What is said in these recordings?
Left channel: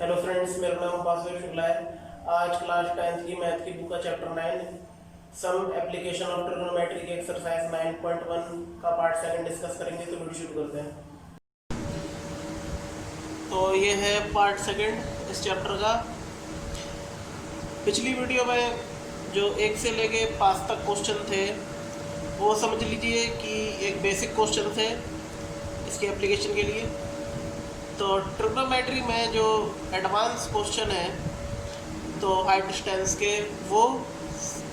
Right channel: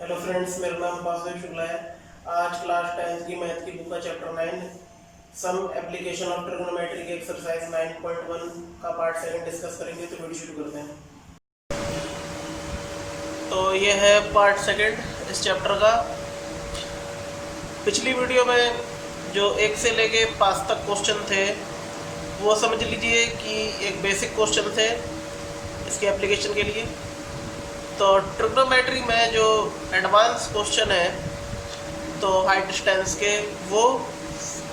Hello friends, मेरा नाम वासुदेव शुक्ला है। आज क्लास 10th की मैथ की बुक का chapter 9 some application of trigonometry की एक्सरसाइज 9.1 का पार्ट 2 डिस्कस करेंगे। तो वीडियो शुरू करते हैं। तो ये है पार्ट 2 इस चैप्टर का। पिछली वीडियो में जो 1 से लेके 5 तक क्वेश्चन थे वो समझ लीजिए कि एक बेसिक क्वेश्चन थे इसके एप्लीकेशन के लिए। तो ट्रिग्नोमेट्री में जो एडवांस क्वेश्चन है तो हाइट डिस्टेंस के, वो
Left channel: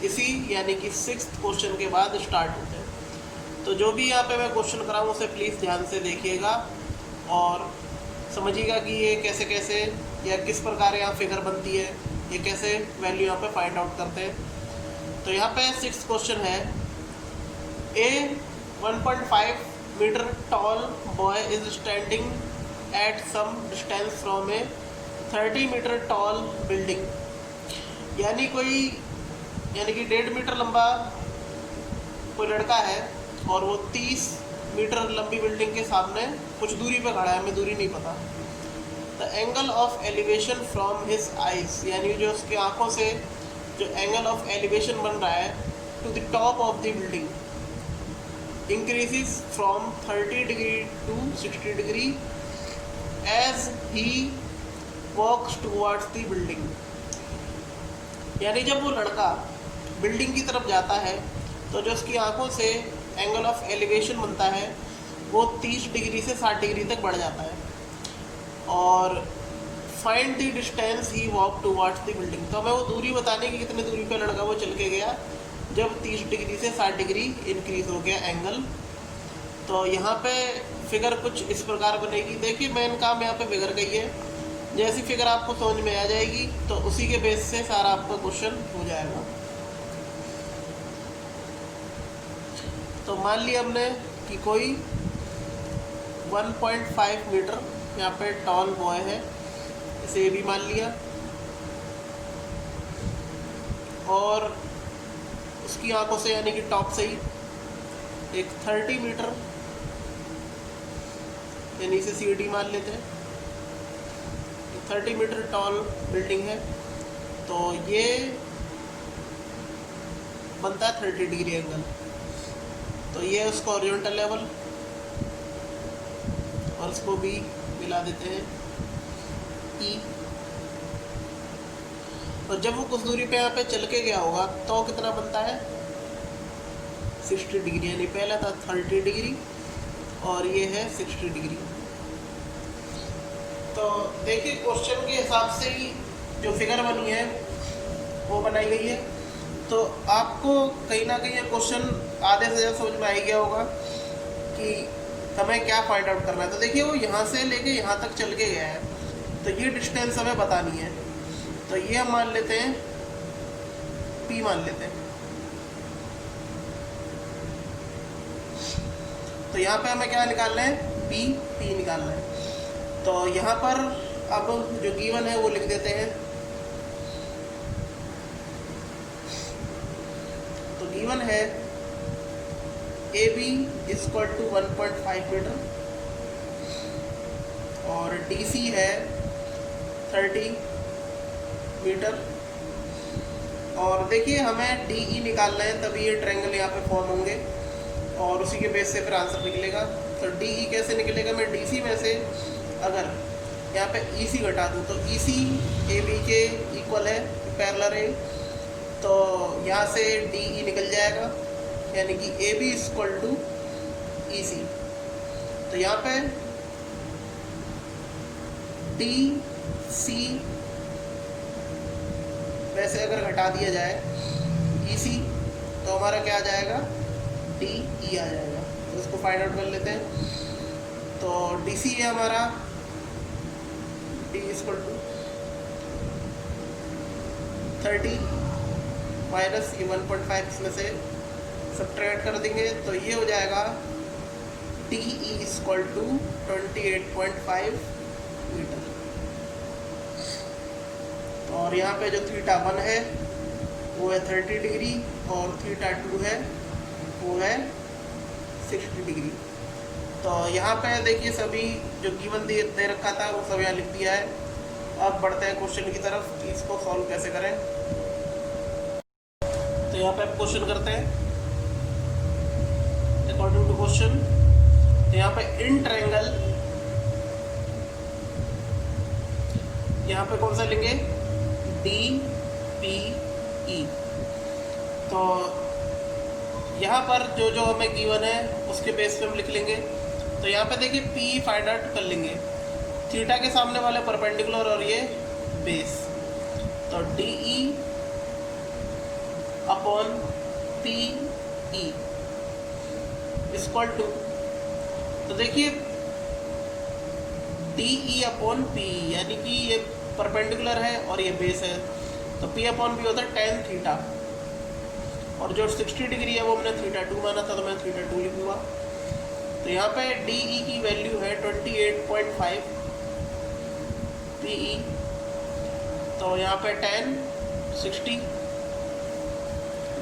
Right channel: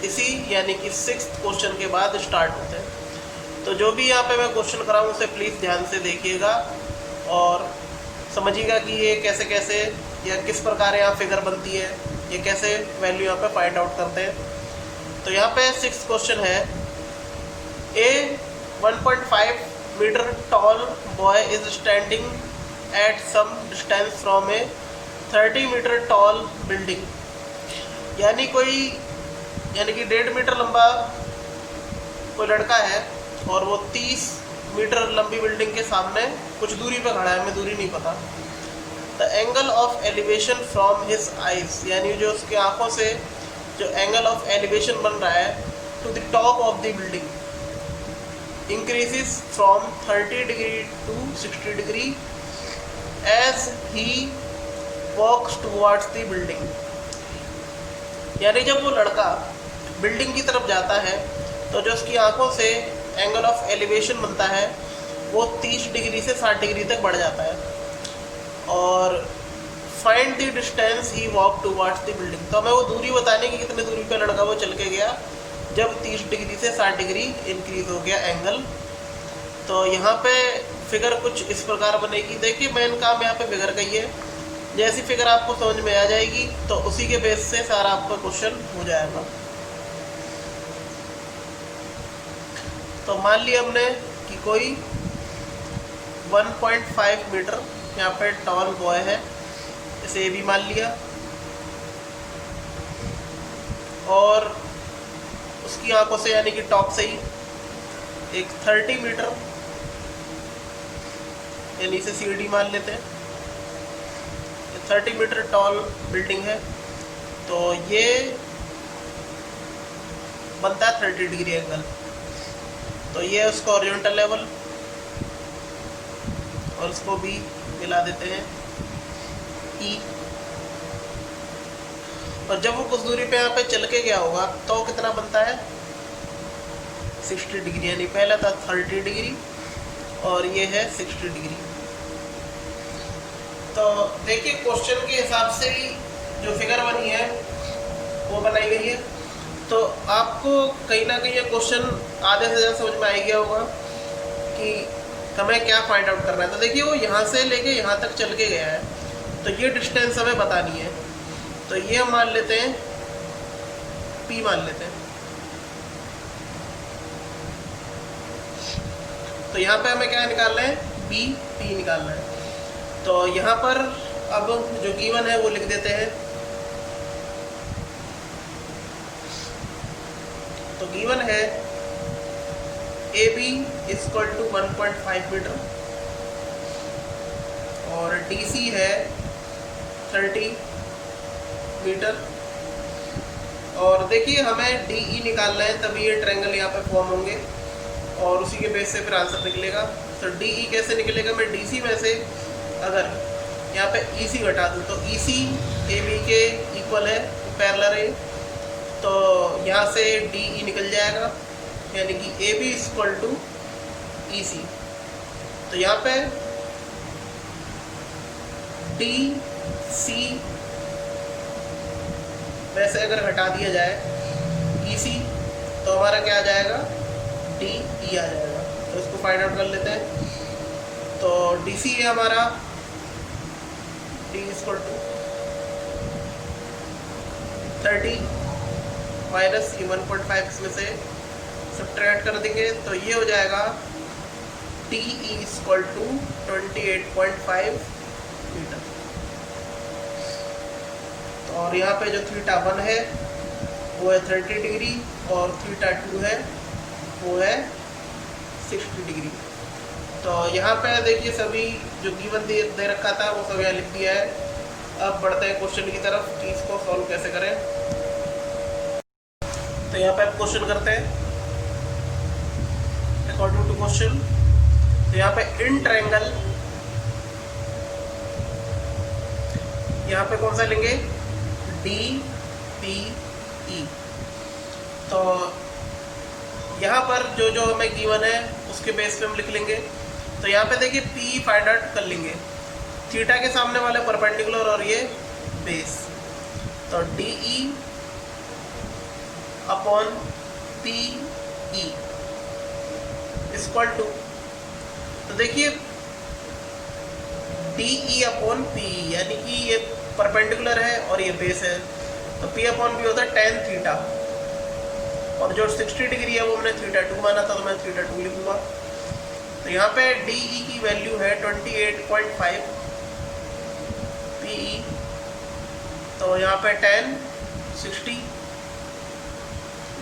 इसी यानी कि 6th क्वेश्चन के बाद स्टार्ट होते हैं। तो जो भी यहाँ पे मैं क्वेश्चन कराऊँ उसे प्लीज़ ध्यान से देखिएगा और समझिएगा कि ये कैसे कैसे या किस प्रकार यहाँ फिगर बनती है, ये कैसे वैल्यू यहाँ पे फाइंड आउट करते हैं। तो यहाँ पे 6th क्वेश्चन है, a 1.5 metre tall boy is standing at some distance from a 30 metre tall building. यानी कि 1.5 मीटर लंबा कोई लड़का है और वो 30 मीटर लंबी बिल्डिंग के सामने कुछ दूरी पे खड़ा है, हमें दूरी नहीं पता। The angle of elevation from his eyes, यानी जो उसके आंखों से जो एंगल ऑफ एलिवेशन बन रहा है to the top of the building increases from 30 degree to 60 degree as he walks towards the building। यानी जब वो लड़का बिल्डिंग की तरफ जाता है तो जो उसकी आंखों से एंगल ऑफ एलिवेशन बनता है वो 30 डिग्री से 60 डिग्री तक बढ़ जाता है। और find the distance he walk towards the building, तो हमें वो दूरी बतानी कि कितनी दूरी पे लड़का वो चल के गया जब 30 डिग्री से 60 डिग्री इंक्रीज हो गया एंगल। तो यहाँ पे फिगर कुछ इस प्रकार बनेगी। देखिए मेन काम यहाँ पे फिगर का ही है। जैसी फिगर आपको समझ में आ जाएगी तो उसी के बेस से सारा आपका क्वेश्चन हो जाएगा। तो मान लिया हमने कि कोई 1.5 मीटर यहाँ पे टॉल बॉय है, इसे ये भी मान लिया, और उसकी आंखों से यानी कि टॉप से ही एक 30 मीटर यानी इसे सीढ़ी मान लेते हैं, 30 मीटर टॉल बिल्डिंग है। तो ये बनता है 30 डिग्री एंगल। तो ये है उसका हॉरिजॉन्टल लेवल और उसको भी मिला देते हैं E। और जब वो कुछ दूरी पे यहाँ पे चल के गया होगा तो वो कितना बनता है 60 डिग्री, यानी पहला था 30 डिग्री और ये है 60 डिग्री। तो देखिए क्वेश्चन के हिसाब से ही जो फिगर बनी है वो बनाई गई है। तो आपको कहीं ना कहीं ये क्वेश्चन आधे से ज़्यादा समझ में आ गया होगा कि हमें क्या फाइंड आउट करना है। तो देखिए वो यहाँ से लेके यहाँ तक चल के गया है, तो ये डिस्टेंस हमें बतानी है। तो ये हम मान लेते हैं P मान लेते हैं। तो यहाँ पे हमें क्या निकालना है, P निकालना है। तो यहाँ पर अब जो गिवन है वो लिख देते हैं। तो गिवन है AB इक्वल टू 1.5 मीटर और DC है 30 मीटर। और देखिए हमें DE निकालना है, तभी ये ट्रायंगल यहाँ पे फॉर्म होंगे और उसी के बेस से फिर आंसर निकलेगा। तो DE कैसे निकलेगा, मैं DC में से अगर यहाँ पे EC घटा दूँ तो EC AB के इक्वल है, पैरेलल है। तो यहाँ से DE निकल जाएगा, यानी कि AB इक्वल टू EC। तो यहाँ पे DC वैसे अगर घटा दिया जाए EC तो हमारा क्या आ जाएगा, DE आ जाएगा। तो इसको फाइंड आउट कर लेते हैं। तो DC है हमारा D इक्वल टू 30 माइनस 1.5 इसमें से सब्ट्रैक्ट कर देंगे तो ये हो जाएगा DE इक्वल टू 28.5 मीटर। तो और यहाँ पे जो θ1 है वो है 30 डिग्री और θ2 है वो है 60 डिग्री। तो यहाँ पे देखिए सभी जो गिवन दे रखा था वो सब यहाँ लिख दिया है। अब बढ़ते हैं क्वेश्चन की तरफ कि इसको सॉल्व कैसे करें। तो यहाँ पे आप क्वेश्चन करते हैं अकॉर्डिंग टू क्वेश्चन। तो यहाँ पे इन ट्रायंगल, यहाँ पे कौन सा लेंगे, डी पी ई। तो यहाँ पर जो जो हमें गिवन है उसके बेस पे हम लिख लेंगे। तो यहाँ पे देखिए पी फाइंड आउट कर लेंगे, थीटा के सामने वाले परपेंडिकुलर और ये बेस। तो D E upon P E equal to, तो देखिए D E upon P E, यानी कि ये परपेंडिकुलर है और ये बेस है, तो पी अपॉन पी होता है टेन थीटा, और जो 60 डिग्री है वो मैंने थीटा 2 माना था, तो मैं थीटा 2 लिखूंगा। तो यहाँ पे डी ई की वैल्यू है 28.5 पी ई, तो यहाँ पे 60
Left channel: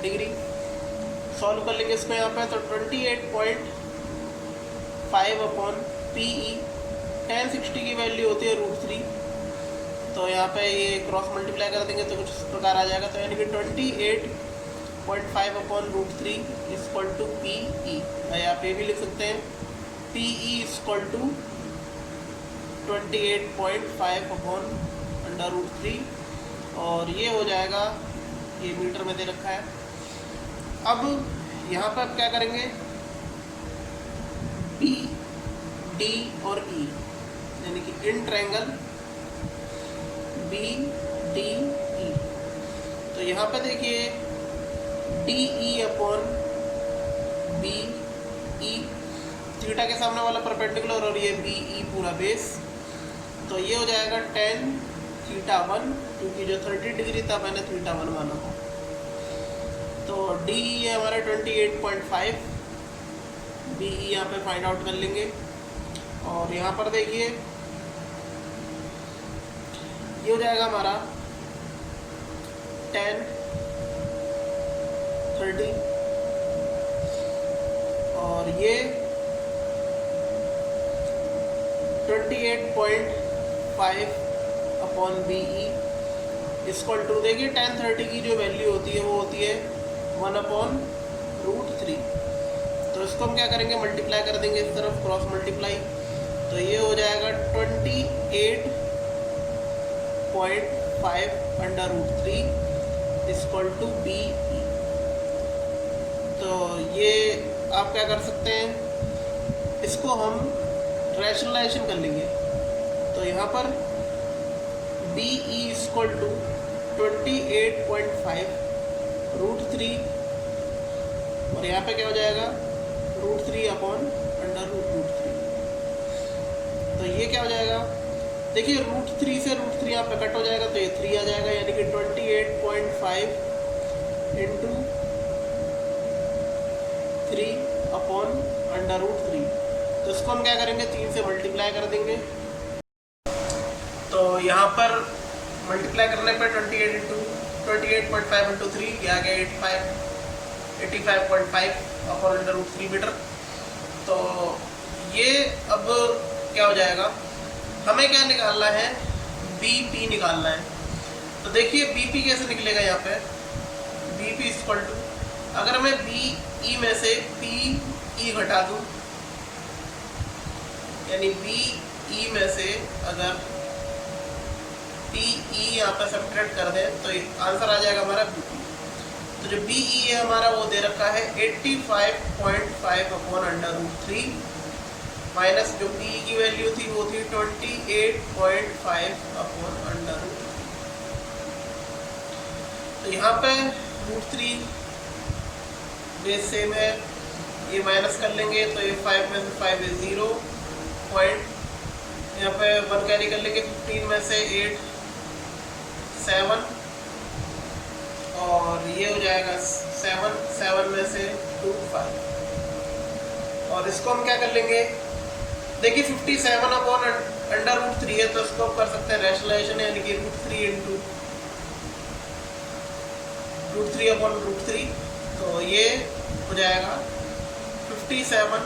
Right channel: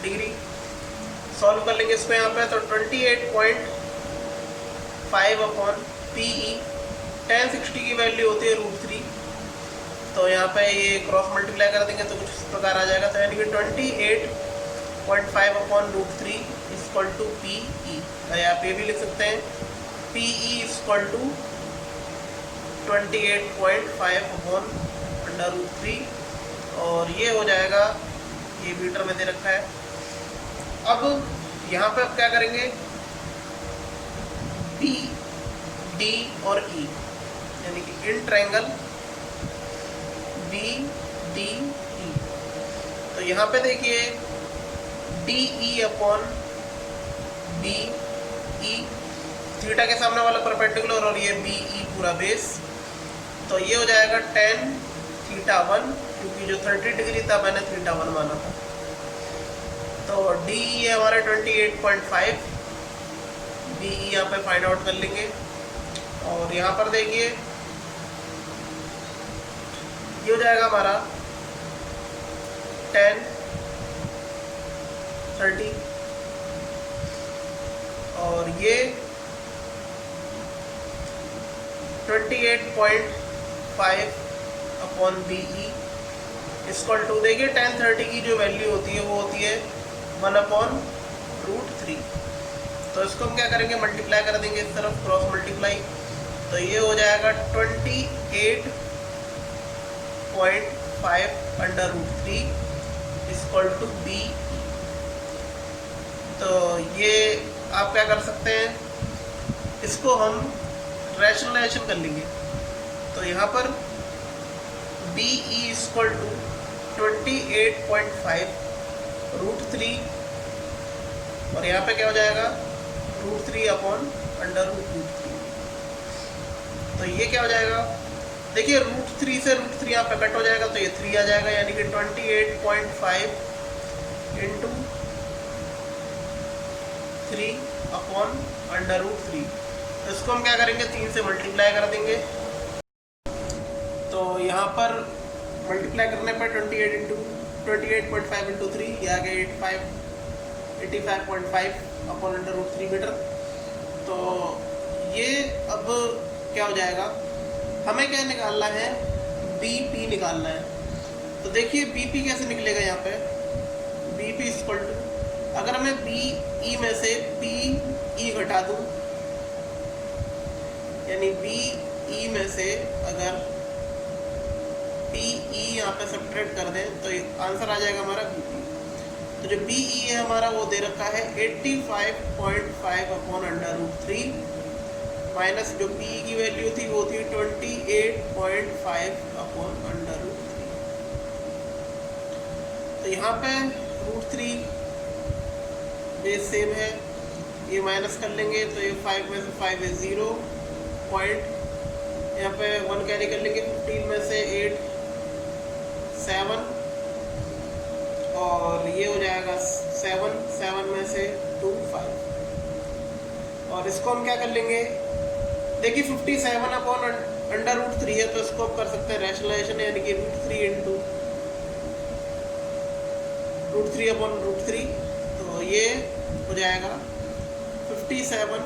डिग्री सॉल्व कर लेंगे इसको यहाँ पे। तो 28.5 अपॉन पी ई, 60 की वैल्यू होती है √3, तो यहाँ पे ये क्रॉस मल्टीप्लाई कर देंगे तो कुछ इस प्रकार आ जाएगा। तो यानी कि 28.5 upon √3 equal to P E. आप ये भी लिख सकते हैं P E equal to 28.5 upon √3, और ये हो जाएगा, ये मीटर में दे रखा है। अब यहाँ पे आप क्या करेंगे, बी डी और ई, यानी कि in triangle B D E. तो यहाँ पे देखिए D E upon B E, theta के सामने वाला परपेंडिकुलर और ये बी ई पूरा बेस, तो ये हो जाएगा 10 थीटा 1, क्योंकि जो 30 डिग्री था मैंने थीटा 1 माना था। तो डी ई है हमारा 28.5, बी ई यहाँ पे फाइंड आउट कर लेंगे। और यहाँ पर देखिए ये हो जाएगा हमारा 10 30, और ये 28.5 upon B E equal to, देखिए 10 30 की जो वैल्यू होती है वो होती है 1 अपॉन √3। तो इसको हम क्या करेंगे, मल्टीप्लाई कर देंगे इस तरफ, क्रॉस मल्टीप्लाई। तो ये हो जाएगा 28.5 अंडर √3 इक्वल टू बी। तो ये आप क्या कर सकते हैं, इसको हम रैशनलाइजेशन कर लेंगे। तो यहाँ पर बी ई इक्वल टू 28.5 √3, और यहाँ पे क्या हो जाएगा √3 अपॉन अंडर √3। तो ये क्या हो जाएगा, देखिए √3 से √3 यहाँ पे कट हो जाएगा, तो ये 3 आ जाएगा, यानी कि 28.5 इंटू 3 अपॉन अंडर √3। तो इसको हम क्या करेंगे, 3 से मल्टीप्लाई कर देंगे। तो यहाँ पर मल्टीप्लाई करने पर 28.5 इंटू 3, ये आ गया 85.5 अपॉन अंडर √3 मीटर। तो ये अब क्या हो जाएगा, हमें क्या निकालना है, बी पी निकालना है। तो देखिए बी पी कैसे निकलेगा, यहाँ पे बी पी इक्वल टू, अगर मैं बी ई में से पी ई घटा दूँ, यानी बी ई में से अगर पी ई यहाँ पे सब्ट्रैक्ट कर दें तो आंसर आ जाएगा हमारा बी। तो जो बी ई है हमारा वो दे रखा है 85.5 अपॉन अंडर √3, माइनस जो पी ई की वैल्यू थी वो थी 28.5 अपॉन अंडर √3। तो यहाँ पे √3 बेस सेम है, ये माइनस कर लेंगे, तो ये 5 में से 5 है 0 पॉइंट, यहाँ पे 1 कैरी कर लेंगे, 15 में से 8 7, और ये हो जाएगा 7 में से 2 5। और इसको हम क्या कर लेंगे, देखिए 57 अपॉन अंडर √3 है, तो इसको आप कर सकते हैं रैशनलाइजेशन, यानी कि √3 इंटू √3 अपॉन √3। तो ये हो जाएगा 57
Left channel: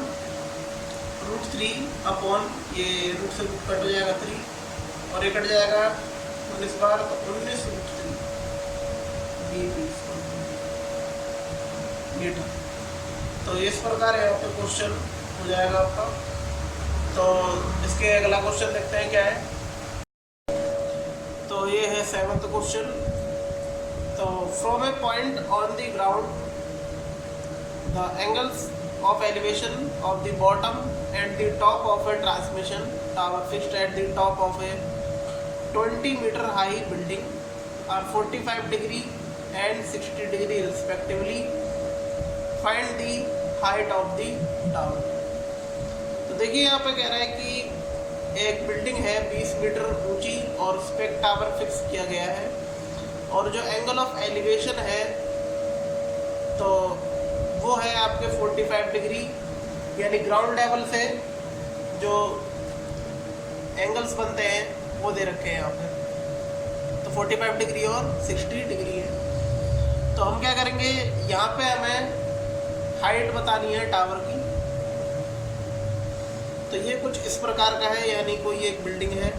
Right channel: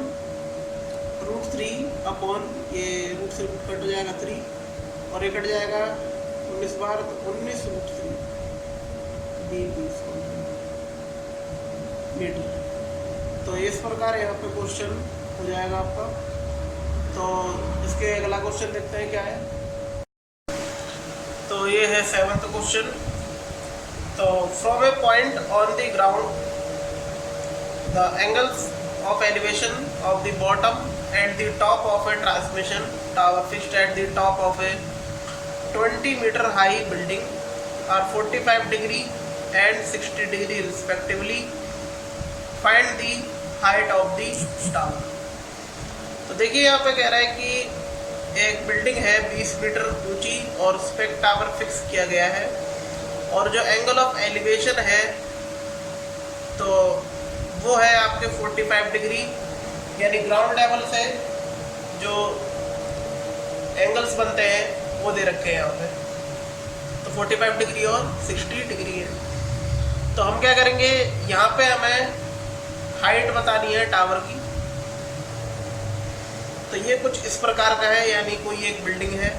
√3 अपॉन, ये रूट से कट हो जाएगा 3, और ये कट जाएगा 19 बार तो 19√3 मीटर। तो इस प्रकार यहाँ पे क्वेश्चन हो जाएगा आपका। तो इसके अगला क्वेश्चन देखते हैं क्या है। तो ये है 7th क्वेश्चन। तो from A point on the ground the angles of elevation of the bottom and the top of a transmission tower fixed at the top of a 20-meter high building are 45 degree and 60 degree respectively. Find the height of the tower. तो देखिए यहाँ पे कह रहा है कि एक building है 20 मीटर ऊंची और उस पर टावर फिक्स किया गया है, और जो एंगल ऑफ एलिवेशन है तो वो है आपके 45 डिग्री, यानी ग्राउंड लेवल से जो एंगल्स बनते हैं वो दे रखे हैं यहाँ पे। तो 45 डिग्री और 60 डिग्री है। तो हम क्या करेंगे, यहाँ पे हमें हाइट बतानी है टावर की। तो ये कुछ इस प्रकार का है, यानी कोई एक बिल्डिंग है,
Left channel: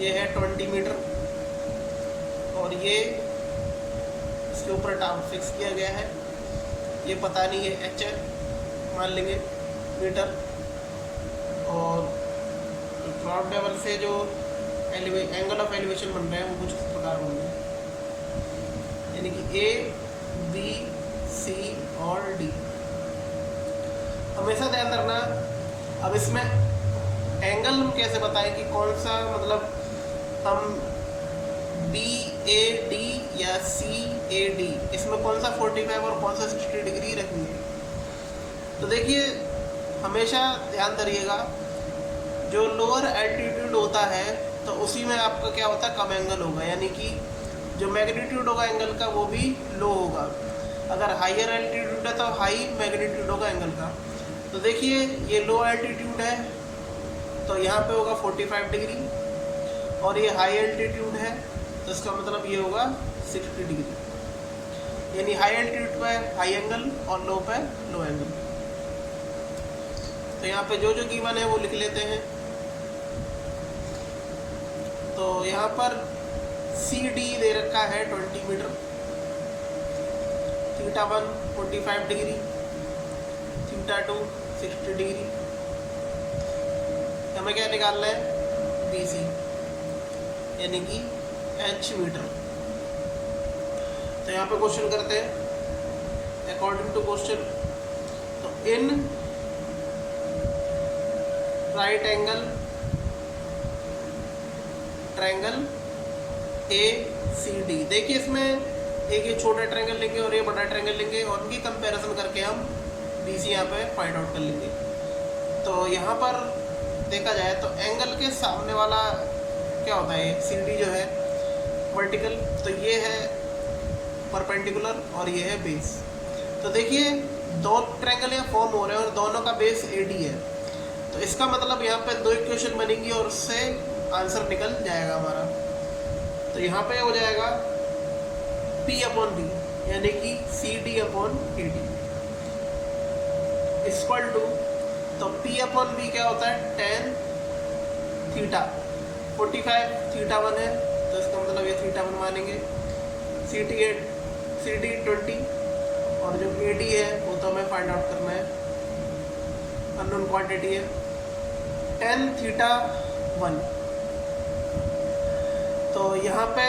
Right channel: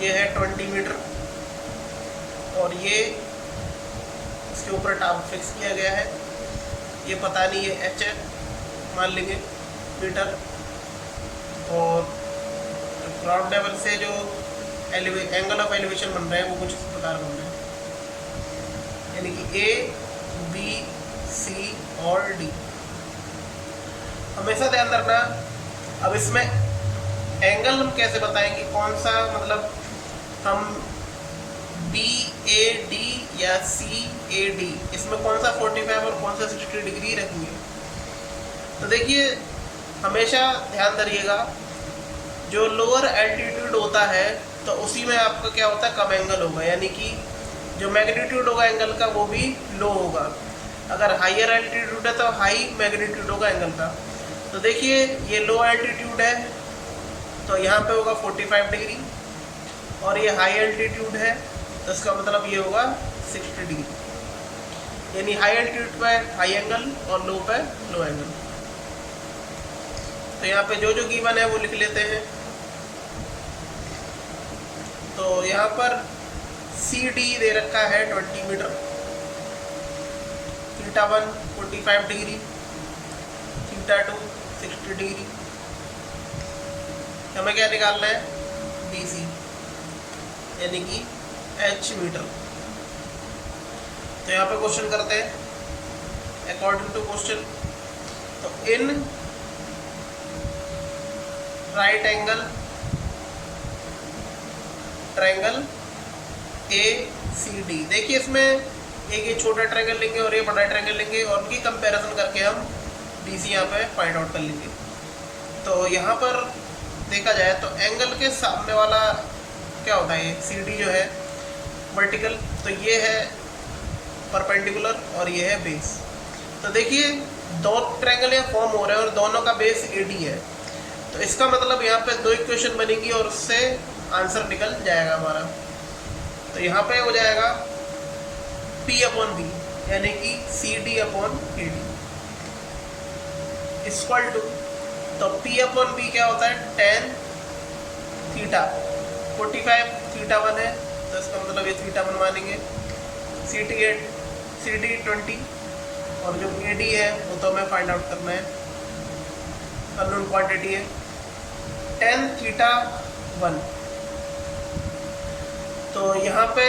ये है 20 मीटर और ये इसके ऊपर टावर फिक्स किया गया है। ये पता नहीं ये एच है मान लेंगे मीटर, और ग्राउंड लेवल से जो एंगल ऑफ एलिवेशन बन रहे हैं वो कुछ इस प्रकार बन रहे हैं, यानी कि ए बी सी और डी। हमेशा ध्यान रखना। अब इसमें एंगल हम कैसे बताएं कि कौन सा, मतलब हम बी ए डी या सी ए डी, इसमें कौन सा 45 और कौन सा 60 डिग्री रखेंगे। तो देखिए हमेशा ध्यान रखिएगा, जो लोअर एल्टीट्यूड होता है तो उसी में आपका क्या होता है, कम एंगल होगा, यानी कि जो मैग्नीट्यूड होगा एंगल का वो भी लो होगा। अगर हाइयर एल्टीट्यूड है तो हाई मैग्नीट्यूड होगा एंगल का। तो देखिए ये लो एल्टीट्यूड है तो यहाँ पे होगा 45 डिग्री, और ये हाई एल्टीट्यूड है तो इसका मतलब ये होगा 60 डिग्री, यानी हाई एल्टीट्यूड पर हाई एंगल और लो पर लो एंगल। तो यहाँ पे जो जो गिवन है वो लिख लेते हैं। तो यहाँ पर सी डी दे रखा है 20 metre, theta 1 45 degree, theta 2 60 degree. हमें क्या निकालना है, बी सी, यानी कि एच मीटर। तो यहाँ पे क्वेश्चन करते हैं अकॉर्डिंग टू क्वेश्चन। तो in right angle triangle A C D, देखिए इसमें एक ये छोटा ट्रायंगल लेंगे और ये बड़ा ट्रायंगल लेंगे और उनकी कंपैरिजन करके हम डी सी यहाँ पे फाइंड आउट कर लेंगे। तो यहाँ पर देखा जाए तो एंगल के सामने वाला क्या होता है, ये सी डी जो है वर्टिकल, तो ये है परपेंडिकुलर और ये है बेस। तो देखिए दो ट्रायंगल यहाँ फॉर्म हो रहे हैं और दोनों का बेस AD है, तो इसका मतलब यहाँ पे दो इक्वेशन बनेंगी और उससे आंसर निकल जाएगा हमारा। तो यहाँ पे हो जाएगा P/B, यानी कि CD/AD इक्वल टू, तो P/B क्या होता है, tan थीटा, 45 थीटा 1 है तो इसका मतलब ये थीटा 1 मानेंगे, CD 20 और जो AD है वो तो हमें फाइंड आउट करना है, अननोन क्वांटिटी है, tan थीटा 1। तो यहाँ पे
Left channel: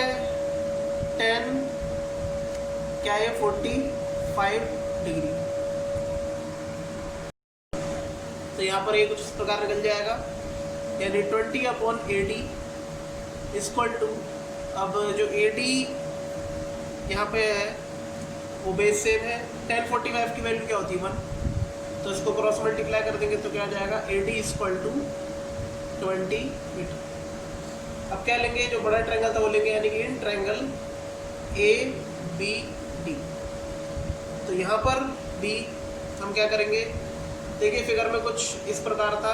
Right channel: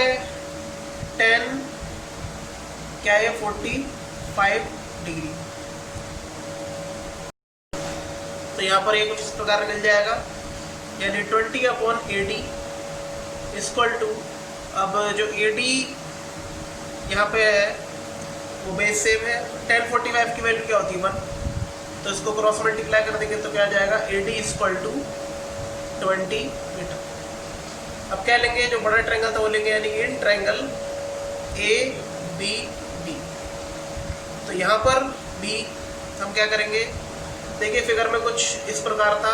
tan क्या है, 45 डिग्री। तो यहाँ पर ये कुछ इस प्रकार निकल जाएगा, यानी 20/AD इक्वल टू, अब जो AD यहाँ पे है वो बेस सेम है, tan 45 की वैल्यू क्या होती है 1, तो इसको क्रॉस मल्टीप्लाई कर देंगे तो क्या आ जाएगा, AD इक्वल टू 20 मीटर। अब क्या लेंगे, जो बड़ा ट्रायंगल था वो लेंगे, यानी कि इन ट्रायंगल ABD। तो यहाँ पर B हम क्या करेंगे, देखिए फिगर में कुछ इस प्रकार था,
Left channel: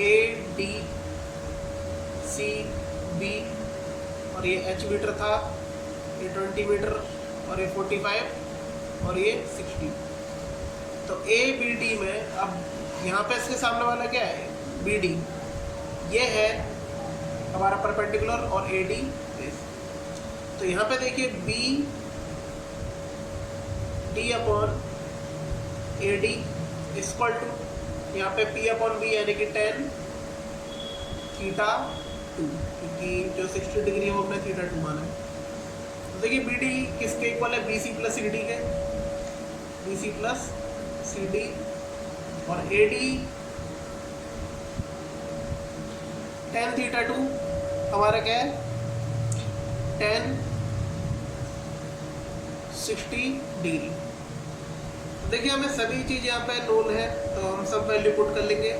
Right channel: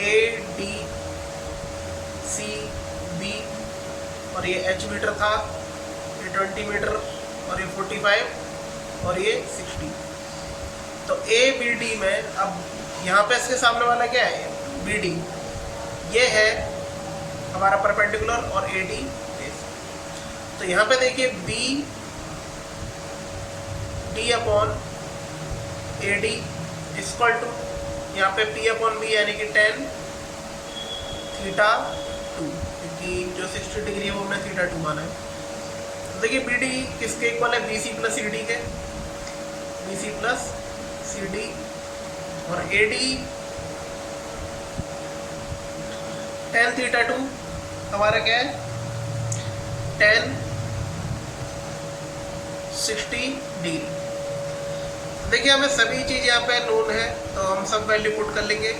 AD CB और ये H मीटर था, ये 20 मीटर और ये 45 और ये 60। तो ए बी डी में अब यहाँ पे इसके सामने वाला क्या है, बी डी, ये है हमारा परपेंडिकुलर और ए डी बेस। तो यहाँ पे देखिए B D upon A D equal to यहाँ पे पी अपॉन बी यानी कि 10 थीटा 2, क्योंकि जो 60 डिग्री है वो हमने थीटा 2 माना है। तो देखिए बी डी किसके इक्वल है, B C plus C D के, B C plus C D, और ए डी 10 थीटा 2 हमारा क्या है 10 60 डिग्री। देखिए हमें सभी चीज़ यहाँ पे नोन है तो हम सब वैल्यू पुट कर लेंगे।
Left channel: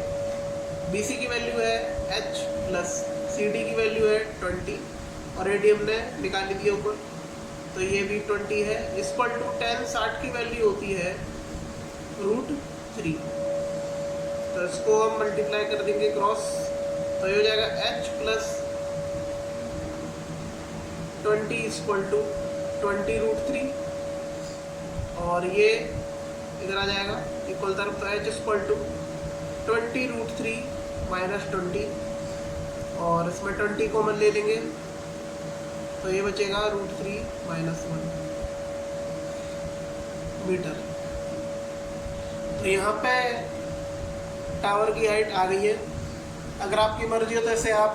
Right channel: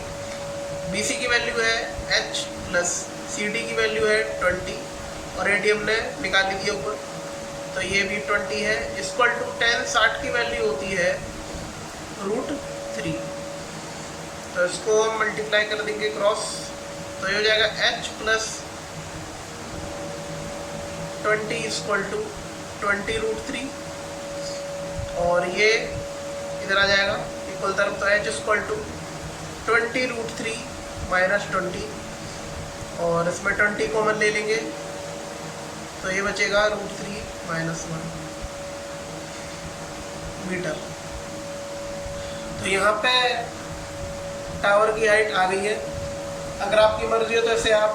बी सी की वैल्यू है एच प्लस सी डी की वैल्यू है 20 और ए डी हमने निकाल ली थी ऊपर, तो ये भी 20 है इक्वल टू 10 60 की वैल्यू होती है √3। तो इसको हम मल्टीप्लाई कर देंगे क्रॉस, तो ये हो जाएगा एच प्लस 20 इक्वल टू 20√3 और ये इधर आ जाएगा इक्वल तरफ, तो एच इक्वल टू 20√3 माइनस 20 और इसमें 20 कॉमन ले लेंगे तो ये बचेगा √3 माइनस 1 मीटर। तो यहाँ पे टावर की हाइट आ गई है। अगर आपकी मर्जी हो तो इसे आप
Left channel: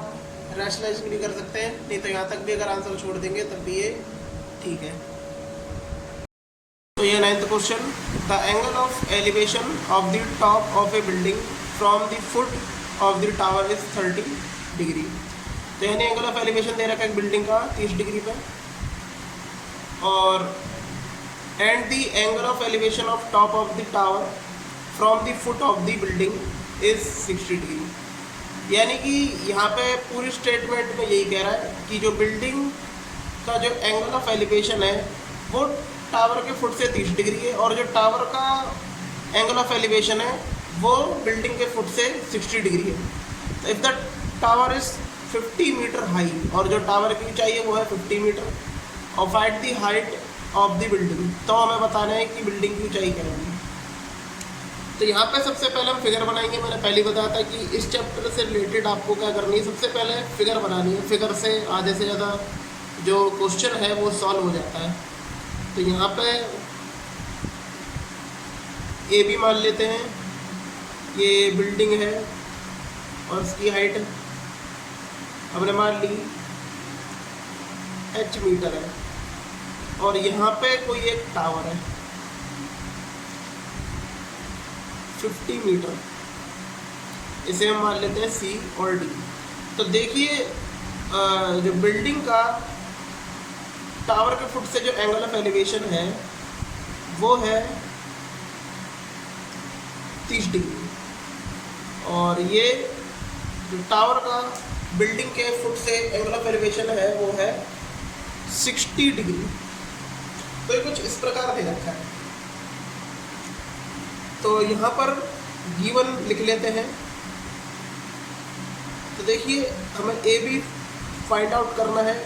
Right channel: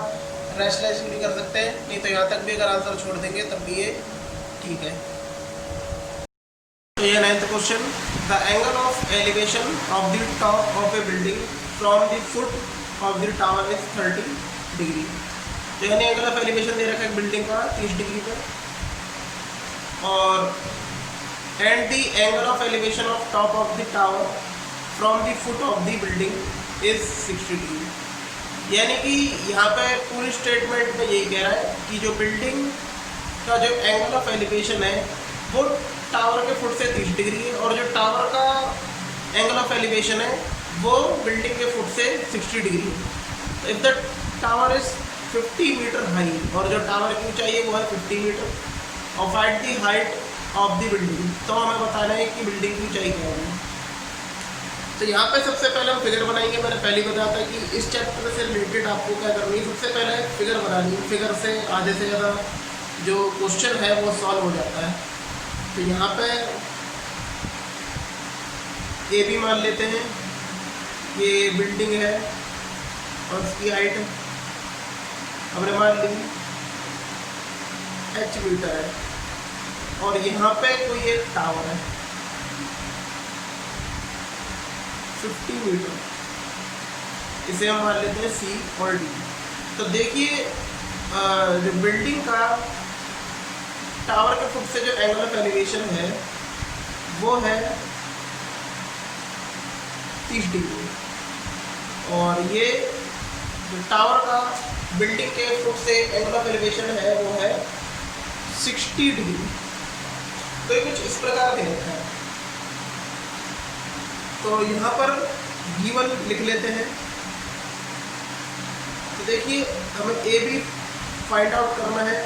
रैशनलाइज भी कर सकते हैं, नहीं तो यहाँ तक भी अगर आंसर छोड़ देंगे तब भी ये ठीक है। तो ये 9th question, the angle of elevation of the top of A building from the foot of the tower is 30 degree. तो यानी एंगल ऑफ एलिवेशन दे रखा है बिल्डिंग का 30 डिग्री पे, और and the angle of elevation of top of the tower from the foot of the building is 60 degree. यानी कि यहाँ पे पूरी स्टेटमेंट में यही कह रहा है कि जो बिल्डिंग का जो एंगल ऑफ एलिवेशन है वो टावर के फुट से 30 डिग्री है, और जो टावर का एंगल ऑफ एलिवेशन है वो बिल्डिंग के फुट से 60 डिग्री है। If the tower is 50 metre high, और जो टावर की ऊंचाई है वो है 50 मीटर, और find the height of the building, तो हमें बताना है कि बिल्डिंग की ऊंचाई क्या है। तो यहाँ पे सबसे पहले हम फिगर बनाएंगे। मैंने पहले बताया था कि इस चैप्टर से रिलेटेड आपको क्या करनी है, सबसे पहले फिगर बनानी है। फिगर से आधे से ज़्यादा जो क्वेश्चन है वो सॉल्व हो जाता है। तो यहाँ पे ए भी मान लेते हैं, ये बिल्डिंग है और इसकी हाइट हमने मान ली h मीटर है, और यहाँ पे कोई एक टावर है 50 मीटर, इसे हम मान लेते हैं C और D। तो देखिए जो बिल्डिंग का टावर के फुट से जो एंगल ऑफ एलिवेशन है वो है 30 डिग्री, और ये जो टावर का बिल्डिंग के फुट से एंगल ऑफ एलिवेशन है वो है 60 डिग्री। तो ये कुछ इस प्रकार दे रखा है। तो यहाँ पर गिवन लिख लेते हैं। तो देखिए हमें ए भी फाइंड आउट करना है।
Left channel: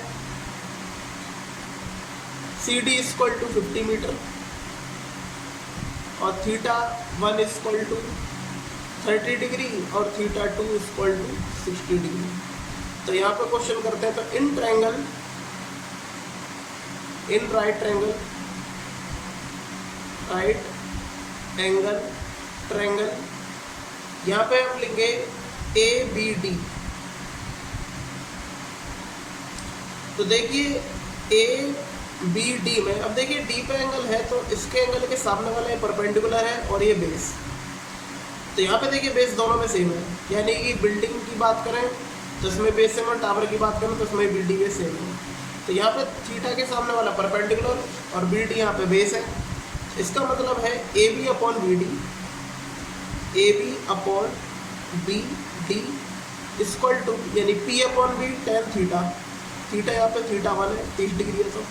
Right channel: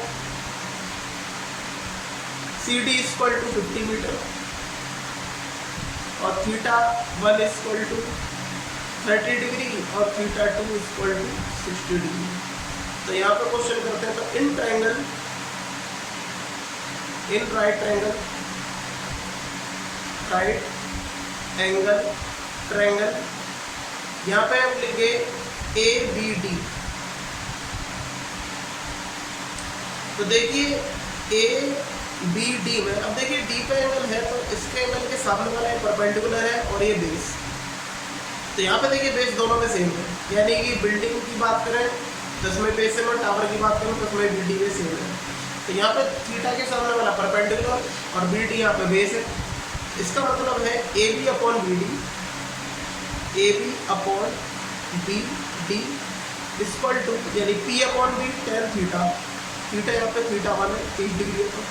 C D equal to 50 metre और थीटा 1 इक्वल टू 30 डिग्री और थीटा 2 इक्वल टू 60 डिग्री। तो यहाँ पर क्वेश्चन करते हैं। तो in triangle, in right triangle, right angle triangle, यहाँ पे हम लेंगे ए बी डी। तो देखिए ए बी डी में, अब देखिए डी पे एंगल है तो इसके एंगल के सामने वाला ये परपेंडिकुलर है और ये बेस। तो यहाँ पे देखिए बेस दोनों में सेम है, यानी कि बिल्डिंग की बात करें तो इसमें बेस सेम है, टावर की बात करें तो इसमें बी डी बेस सेम है। तो यहाँ पे थीटा के सामने वाला परपेंडिकुलर और बी डी यहाँ पे बेस है। इसका मतलब है A B upon B D, A B upon B D equal to, यानी P upon B tan theta, theta यहाँ पे थीटा 1 है 30 डिग्री है। तो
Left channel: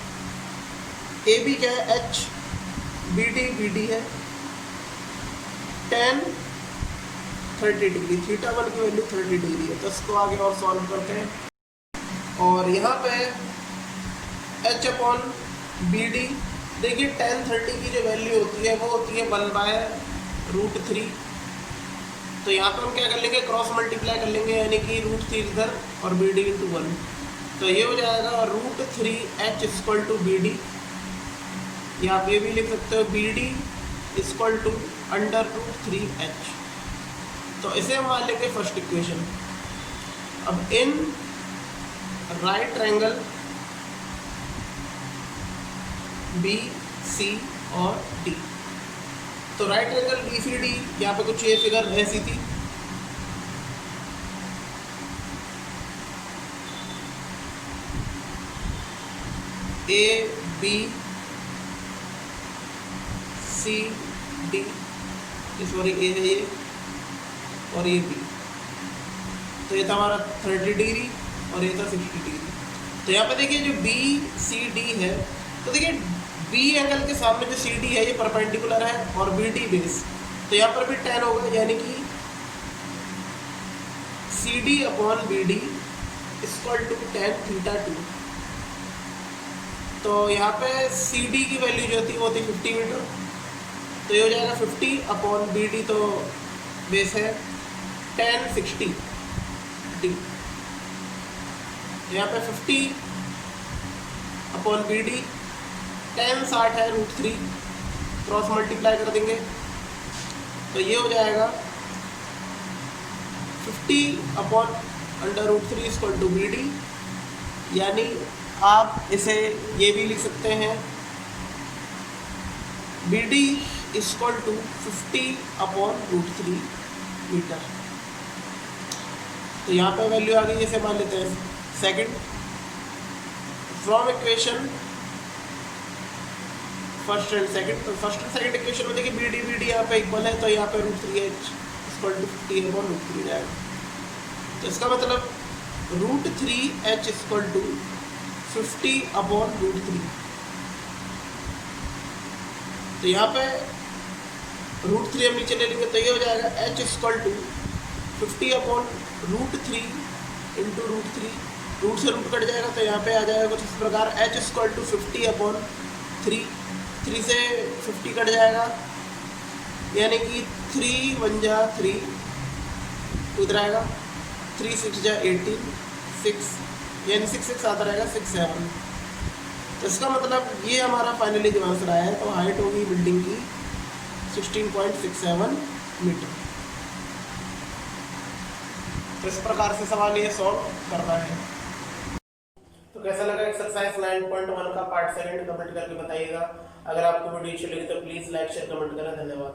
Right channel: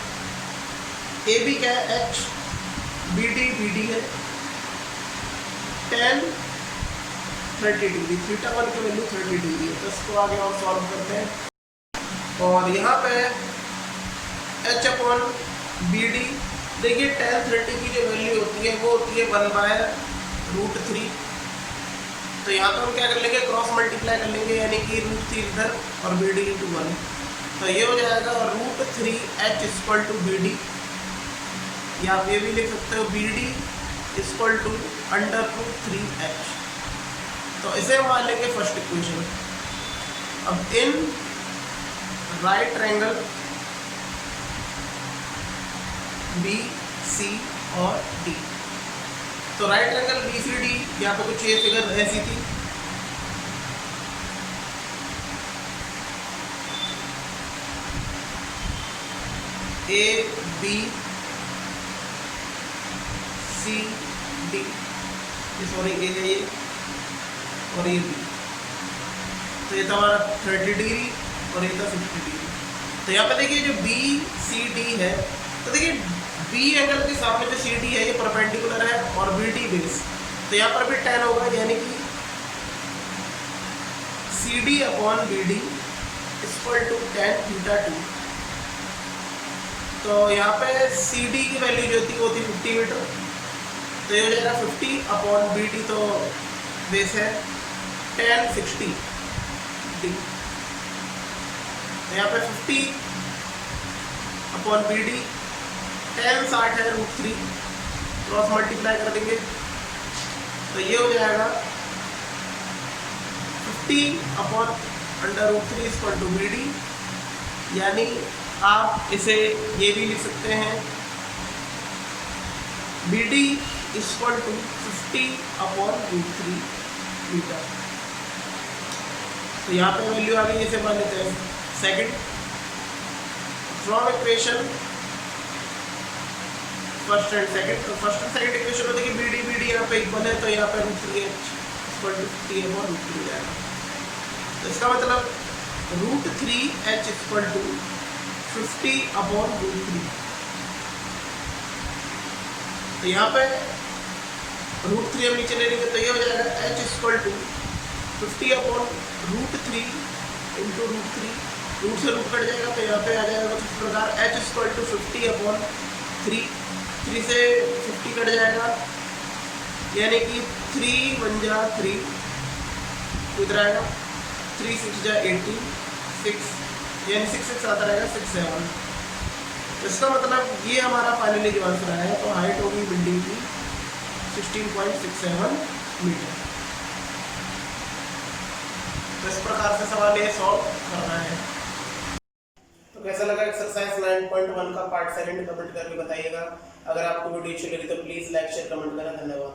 ए बी क्या है एच, बी डी है टेन 30 डिग्री, थीटा 1 की वैल्यू 30 डिग्री है। तो इसको आगे और सॉल्व करते हैं। और यहाँ पे एच अपॉन बी डी, देखिए टेन 30 की जो वैल्यू होती है वो होती है 1 √3। तो यहाँ पे हम क्या कर लेंगे, क्रॉस मल्टीप्लाई कर लेंगे, यानी कि √3 इधर और BD × 1, तो ये हो जाएगा √3h = BD, या आप ये भी लिख सकते हो BD = √3h। तो इसे हम मान लेंगे फर्स्ट इक्वेशन। अब इन राइट ट्रायंगल BC और D, तो राइट ट्रायंगल BCD, यहाँ पे कुछ ये फिगर ऐसी थी, ABCD, सॉरी ए है ये और ये B, तो ये था हमारा 30 डिग्री और ये था 50 डिग्री। तो यहाँ पे देखिए जो BCD है, तो देखिए B एंगल के सामने जो CD है ये परपेंडिकुलर है और BD बेस, तो यहाँ पर भी tan होगा, यानी कि CD/BD = tan θ2। तो यहाँ पे CD की वैल्यू जो थी वो थी 50 मीटर, तो ये हो जाएगा 50/BD, तो बेस है tan 60 D। तो यहाँ पे 50/BD tan 60 है √3, क्रॉस मल्टीप्लाई कर देंगे, तो ये हो जाएगा 50/√3 = BD, यानी आप इसे ये भी लिख सकते हैं BD = 50/√3 मीटर। तो यहाँ पे वैल्यू आ गई, इसे मान लेते हैं second. From equation first and second, तो फर्स्ट एंड सेकंड इक्वेशन में देखिए BD यहाँ पे इक्वल है, तो यहाँ पे √3h = 50/√3 जाएगा। तो इसका मतलब √3h = 50/√3। तो यहाँ पे √3 हम नीचे ले लेंगे, तो ये हो जाएगा h = 50/√3 × √3, रूट से रूट कट जाएगा, तो यहाँ पे आ जाएगा कुछ इस प्रकार h = 50/3, 3 से 50 कट जाएगा, यानी कि 3 × 1 = 3, इधर आएगा 3 × 6 = 18, 6, यानी 6 आता रहेगा 6, 7। तो इसका मतलब ये हमारा फाइनली जो आंसर आया है, तो हाइट होगी बिल्डिंग की 16.67 मीटर। तो इस प्रकार से सवाल ये सॉल्व करना है। तो कैसा लगा एक्सरसाइज 9.1 का पार्ट सेकंड, कमेंट करके बताइएगा। अगर आपको वीडियो अच्छी लगी तो प्लीज़ लाइक शेयर कमेंट करें। धन्यवाद।